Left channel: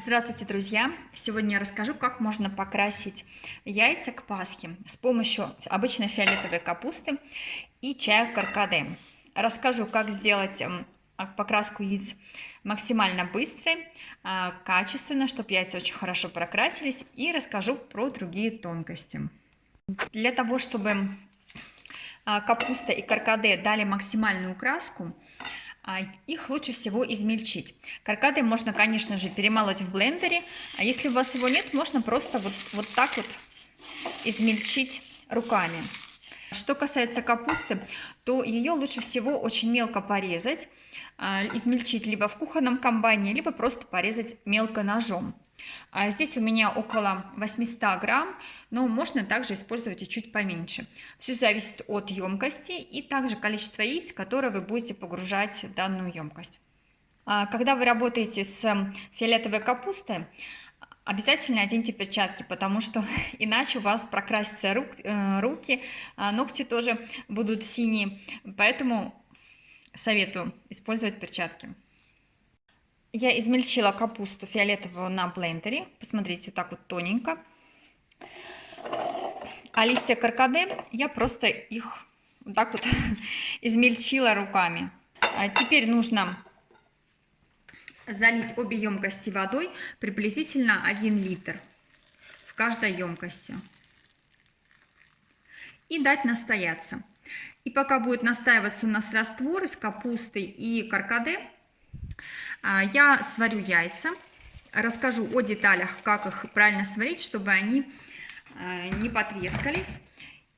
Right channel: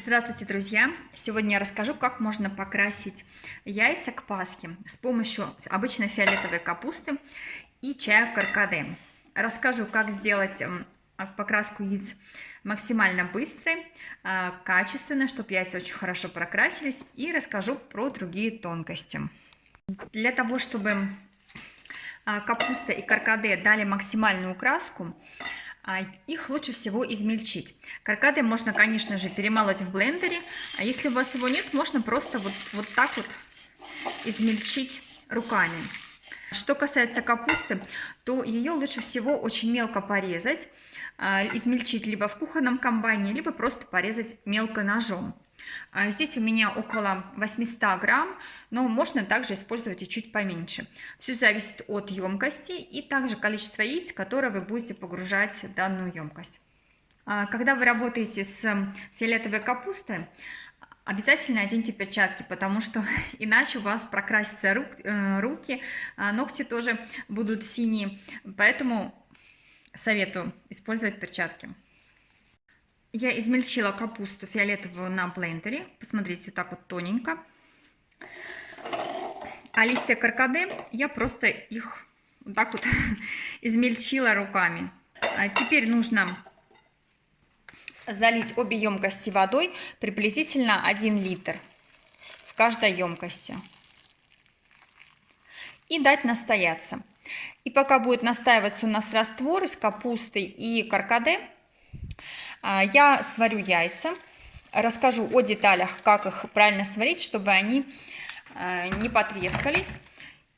Здравствуйте, друзья! Сегодня я расскажу, как можно покрасить яйца к Пасхе с помощью обычной фиолетовой капусты и чая каркаде. Расскажу, как сделать покраску яиц максимально быстрой, качественно, чтобы яйца очень хорошо прокрасились, и расскажу про другие тонкости. Для того, чтобы капуста и каркаде дали максимальную краску, их лучше всего измельчить. Каркаде можно, конечно же, перемолоть в блендере, а если у вас его нет, можно просто вот так вот измельчить руками. Что касается капусты, то ее лучше всего очень мелко порезать, измельчить либо в кухонном комбайне, либо просто порезать мелко ножом. Здесь у меня около 800 грамм, но можно также использовать и чуть поменьше. Все зависит от емкости и также количества яиц, которые вы будете погружать в данную емкость. Когда вы работаете с фиолетовой капустой, обязательно оденьте перчатки, потому что иначе у вас прокрасятся руки, ногти тоже будут синие, поэтому советую использовать перчатки. Я измельчила капусту фиолетовую на блендере, посмотрите, вот так вот тоненько. А листья каркаде я просто их вот так вот измельчила руками. Теперь нужно залить обе емкости водой, приблизительно 1 литр в каждой емкости. И дать настояться. И пока будет настаиваться у нас раствор из капусты и каркаде, я сварю яйца, расскажу о деталях, как их правильно сварить, чтобы они не потрескались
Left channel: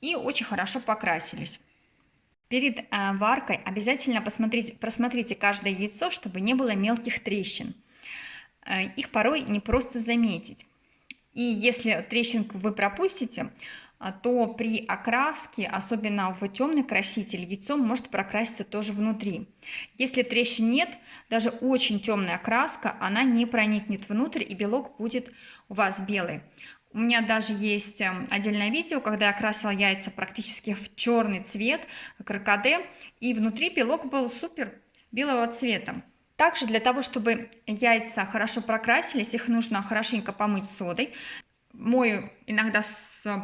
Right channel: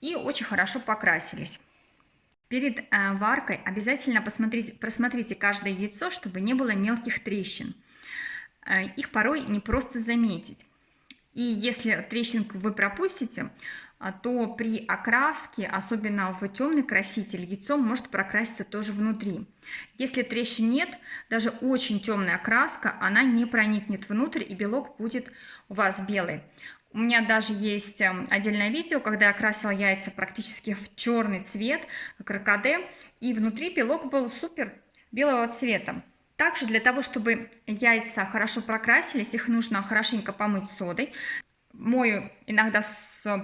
и очень хорошо покрасились. Перед варкой обязательно просмотрите каждое яйцо, чтобы не было мелких трещин. Их порой не просто заметить. И если трещинку вы пропустите, то при окраске, особенно в темный краситель, яйцо может прокраситься тоже внутри. Если трещин нет, даже очень темная краска, она не проникнет внутрь, и белок будет у вас белый. У меня даже есть отдельное видео, когда я красила яйца практически в черный цвет, каркаде, и внутри белок был супер белого цвета. Также для того, чтобы яйца хорошо прокрасились, их нужно хорошенько помыть содой. Мою иногда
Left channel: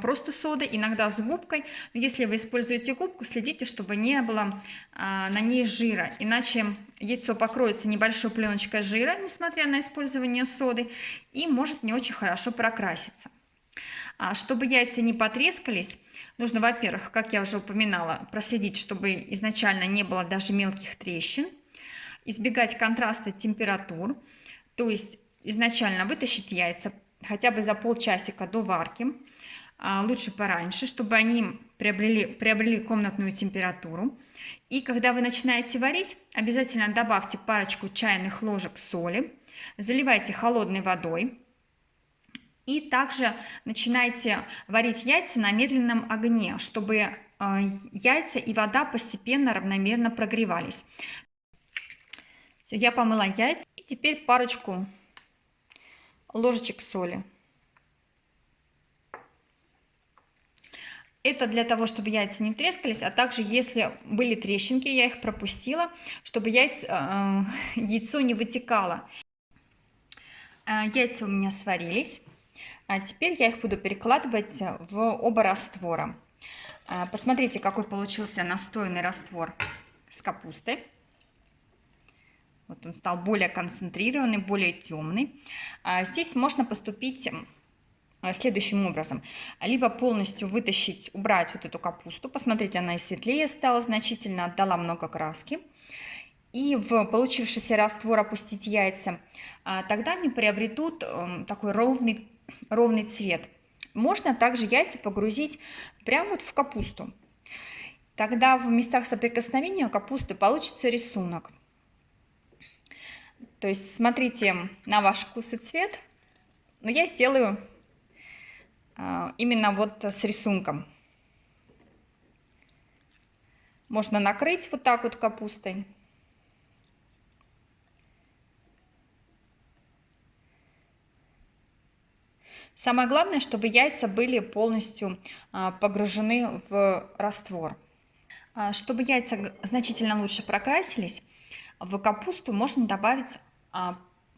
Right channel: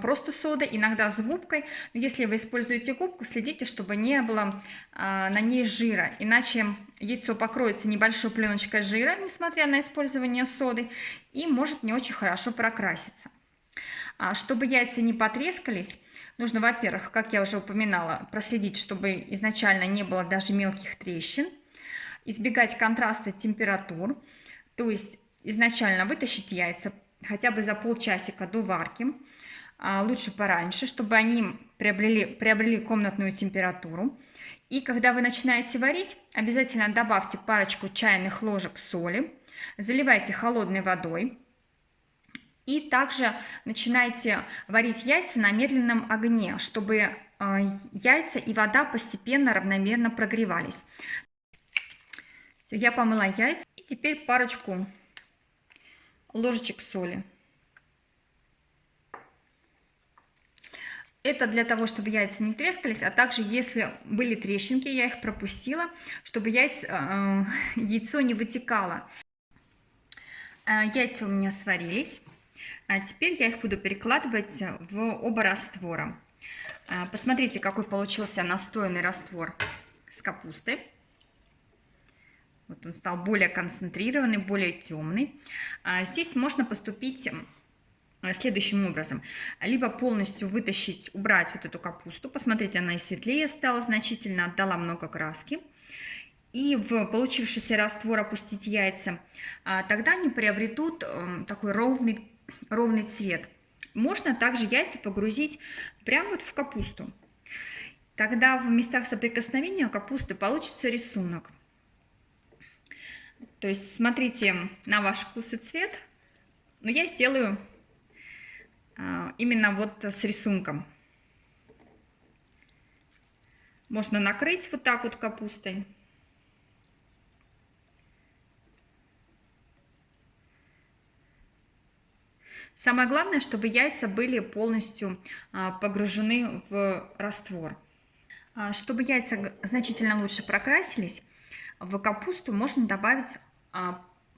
просто содой, иногда с губкой. Но если вы используете губку, следите, чтобы не было на ней жира, иначе яйцо покроется небольшой пленочкой жира, несмотря на использование соды, и может не очень хорошо прокраситься. Чтобы яйца не потрескались, нужно, во-первых, как я уже упоминала, проследить, чтобы изначально не было даже мелких трещин, избегать контраста температур, то есть изначально вытащить яйца хотя бы за полчасика до варки, лучше пораньше, чтобы они приобрели комнатную температуру. И когда вы начинаете варить, обязательно добавьте парочку чайных ложек соли, заливайте холодной водой. И также начинайте варить яйца на медленном огне, чтобы яйца и вода постепенно равномерно прогревались. Все, я помыла яйца, и теперь парочку ложечек соли. Это для того, чтобы яйца не трескались, а также, если были трещинки, я их пропустила, чтобы яйцо не вытекало. Яйца у меня сварились. А теперь я их буду перекладывать в оба раствора. Посмотрите, какой получился настоянный раствор с капустой. Вот он стал более концентрированный, более темный. Здесь можно поступить следующим образом. Либо полностью вытащить, убрать вот эту капусту. Посмотрите, она и светлее стала значительно, отдала много краски. И в получившийся раствор опустить яйца. Тогда они приобретут такой ровный цвет. Можно также яйца погрузить прямо вот в капусту. Тогда в местах соприкосновения капусты получится рисунок. То есть смотрите на ваш вкус и цвет, но я сделаю именно вот с рисунком. Можно накрыть вот так вот капустой. Самое главное, чтобы яйца были полностью погружены в раствор. Чтобы яйца значительно лучше прокрасились, в капусту можно добавить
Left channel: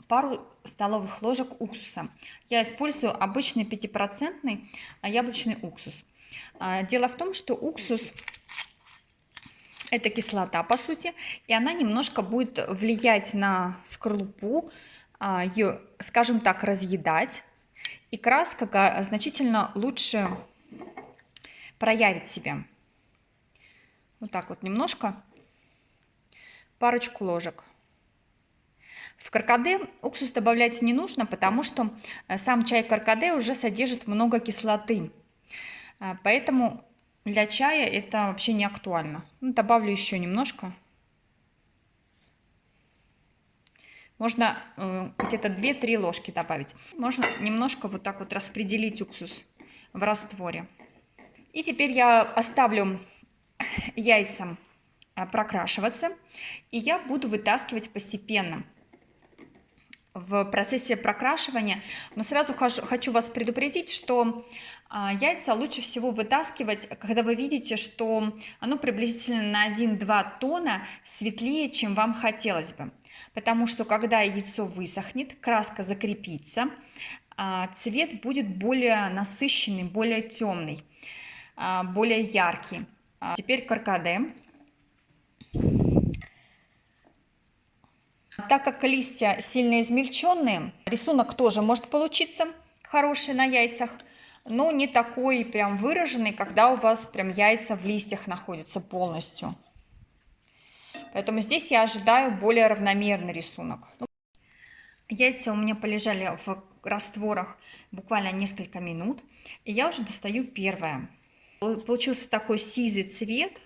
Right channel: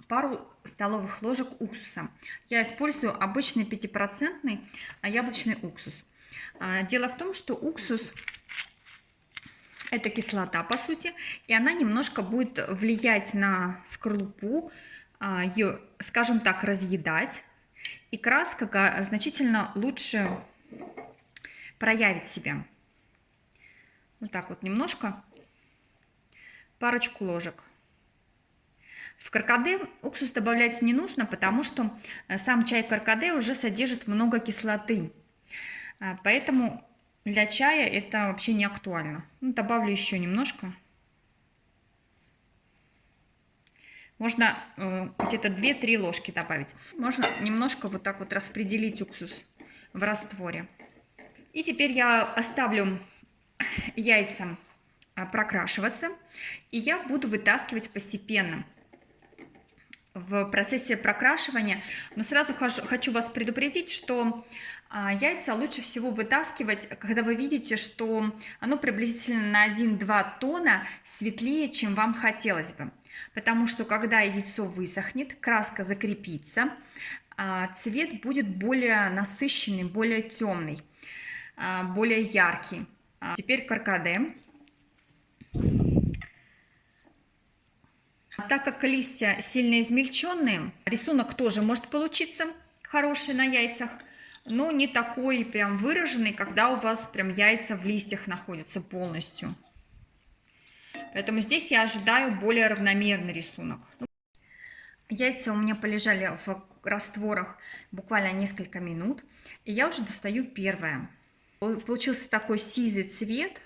пару столовых ложек уксуса. Я использую обычный 5% яблочный уксус. Дело в том, что уксус – это кислота, по сути, и она немножко будет влиять на скорлупу, ее, скажем так, разъедать, и краска значительно лучше проявит себя. Вот так вот немножко, парочку ложек. В каркаде уксус добавлять не нужно, потому что сам чай каркаде уже содержит много кислоты. Поэтому для чая это вообще не актуально. Добавлю еще немножко. Можно где-то 2-3 ложки добавить. Можно немножко вот так вот распределить уксус в растворе. И теперь я оставлю яйца прокрашиваться. И я буду вытаскивать постепенно в процессе прокрашивания. Но сразу хочу вас предупредить, что яйца лучше всего вытаскивать, когда вы видите, что оно приблизительно на 1-2 тона светлее, чем вам хотелось бы. Потому что когда яйцо высохнет, краска закрепится, цвет будет более насыщенный, более темный, более яркий. Теперь каркаде. Так как листья сильно измельченные, рисунок тоже может получиться хороший на яйцах, но не такой прям выраженный, когда у вас прям яйца в листьях находятся полностью. Поэтому здесь я ожидаю более равномерный рисунок. Яйца у меня полежали в растворах буквально несколько минут, и я уже достаю первое. Получился такой сизый цвет,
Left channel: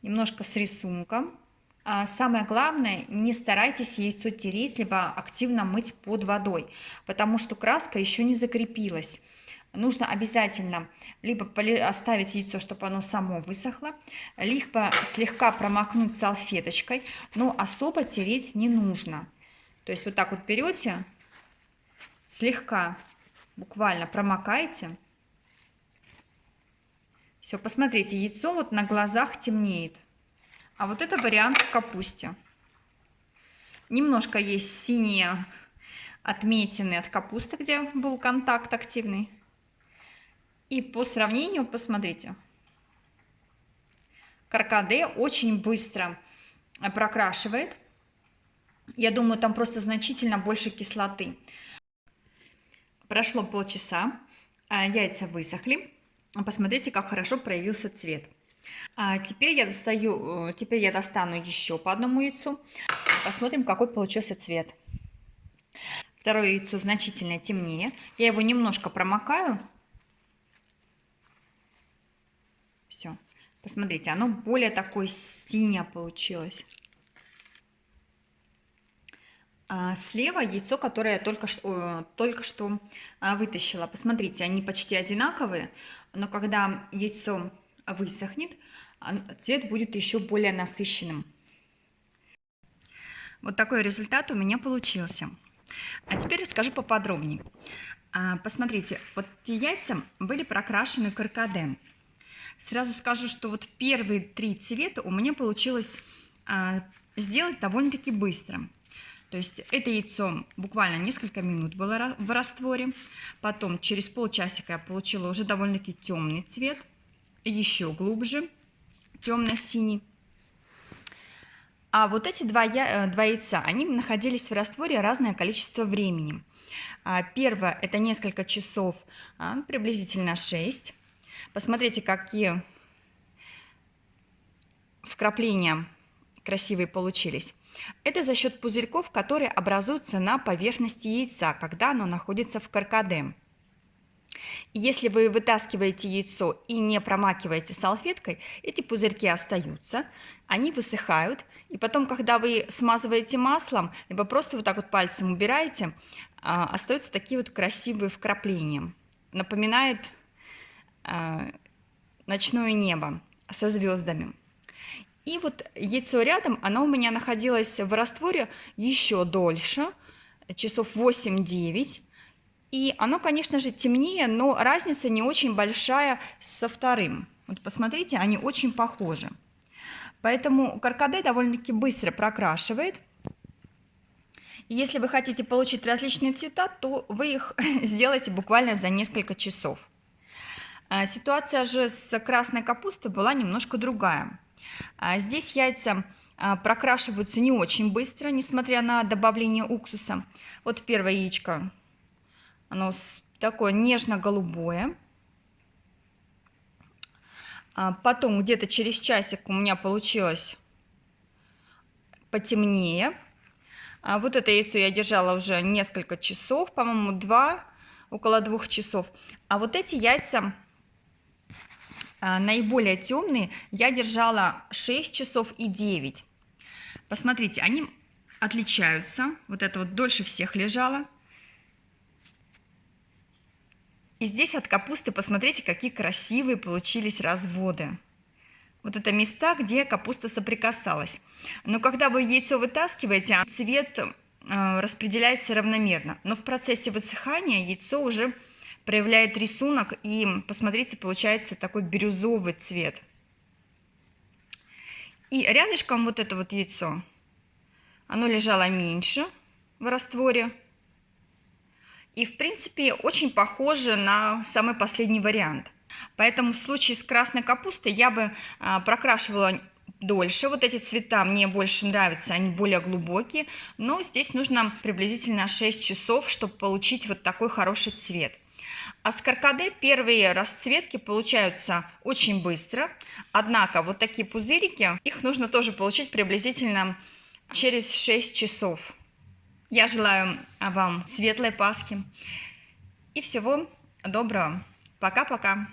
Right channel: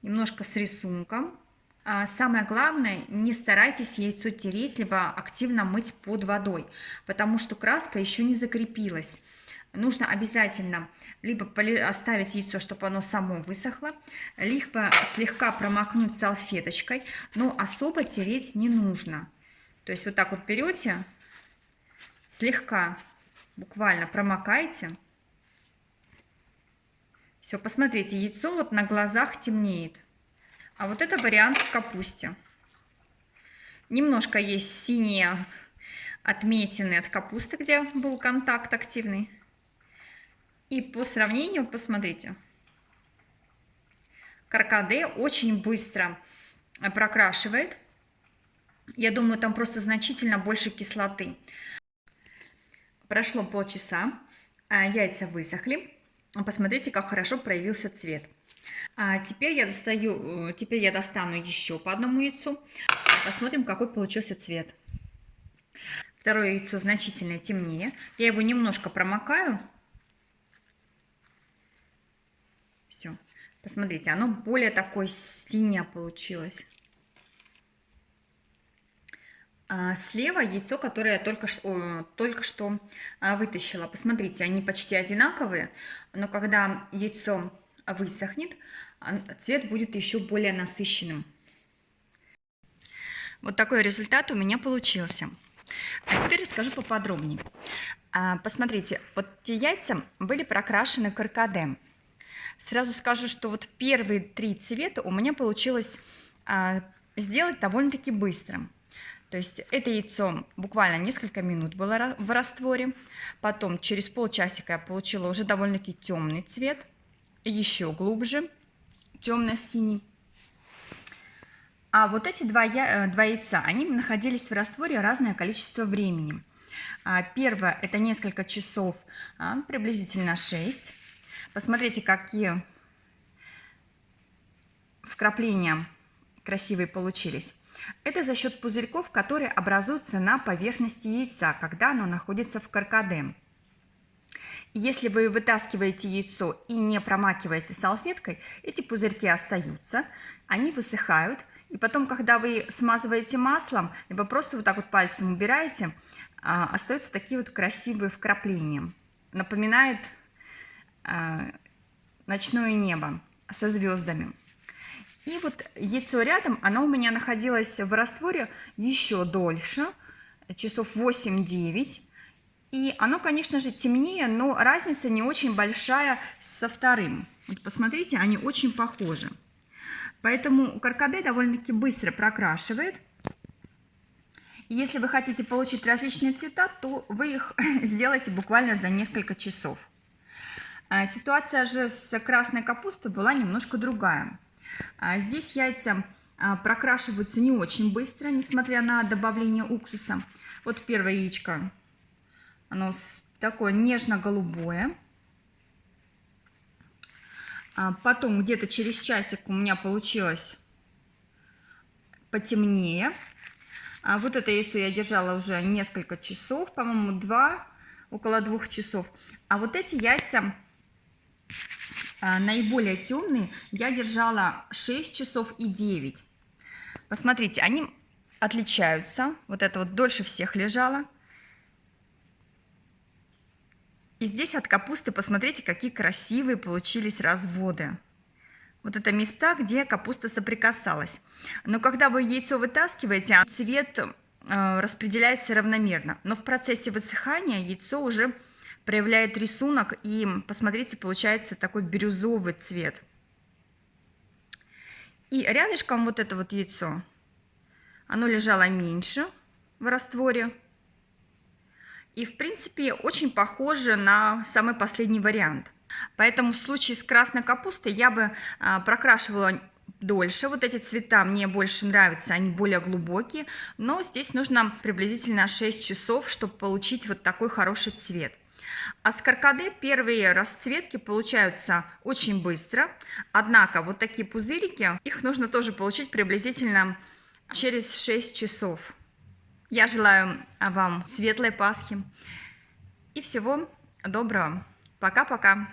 немножко с рисунком. Самое главное, не старайтесь яйцо тереть, либо активно мыть под водой, потому что краска еще не закрепилась. Нужно обязательно либо оставить яйцо, чтобы оно само высохло, либо слегка промокнуть салфеточкой, но особо тереть не нужно. То есть вот так вот берете, слегка, буквально промокаете. Все, посмотрите, яйцо вот на глазах темнеет. А вот это вариант в капусте. Немножко есть синие отметины от капусты, где был контакт активный. И по сравнению, посмотрите, каркаде очень быстро прокрашивает. Я думаю, там просто значительно больше кислоты. Прошло полчаса, яйца высохли. Посмотрите, как хорошо проявился цвет. Теперь я достану еще по одному яйцу. Посмотрим, какой получился цвет. Второе яйцо значительно темнее. Я его немножко промокаю. Все. Посмотрите, оно более такое синее получилось. Слева яйцо, которое я только что вытащила. Посмотрите, они почти одинаковые, но когда яйцо высохнет, цвет будет еще более насыщенным. Вот такой результат у меня получился. А теперь расскажу поподробнее. Посмотрите, вот те яйца были прокрашены каркаде. Сразу скажу, что вот первые 3 цвета у меня получилось сделать довольно-таки быстро. То есть это яйцо буквально несколько минут было в растворе. Потом через полчасика я получила уже довольно-таки темный цвет. Еще глубже, темно-синий. А вот эти два яйца, они находились в растворе разное количество времени. Первое – это несколько часов, приблизительно 6. Посмотрите, какие вкрапления красивые получились. Это за счет пузырьков, которые образуются на поверхности яйца, когда оно находится в каркаде. И если вы вытаскиваете яйцо и не промакиваете салфеткой, эти пузырьки остаются, они высыхают. И потом, когда вы смазываете маслом, либо просто вот так вот пальцем убираете, остаются такие вот красивые вкрапления. Напоминает ночное небо со звездами. И вот яйцо рядом, оно у меня находилось в растворе еще дольше, часов 8-9. И оно, конечно же, темнее, но разница не очень большая со вторым. Вот посмотрите, они очень похожи. Поэтому каркаде довольно-таки быстро прокрашивает. Если вы хотите получить различные цвета, то вы их сделаете буквально за несколько часов. Ситуация же с красной капустой была немножко другая. Здесь яйца прокрашиваются не очень быстро, несмотря на добавление уксуса. Вот первое яичко, оно такое нежно-голубое. Потом где-то через часик у меня получилось потемнее. Вот это яйцо я держала уже несколько часов, по-моему, около 2 часов. А вот эти яйца, наиболее темные, я держала 6 часов и 9. Посмотрите, они отличаются. Вот это вот дольше всех лежало. И здесь от капусты, посмотрите, какие красивые получились разводы. Вот это места, где капуста соприкасалась. Но когда вы яйцо вытаскиваете, цвет распределяется равномерно. Но в процессе высыхания яйцо уже проявляет рисунок, и, посмотрите, получается такой бирюзовый цвет. И рядышком вот это вот яйцо, оно лежало меньше в растворе. И, в принципе, очень похоже на самый последний вариант. Поэтому в случае с красной капустой я бы прокрашивала дольше. Вот эти цвета мне больше нравятся, они более глубокие. Но здесь нужно приблизительно 6 часов, чтобы получить вот такой хороший цвет. А с каркаде первые расцветки получаются очень быстро. Однако вот такие пузырики, их нужно тоже получить приблизительно через 6 часов. Я желаю вам светлой Пасхи и всего доброго. Пока-пока.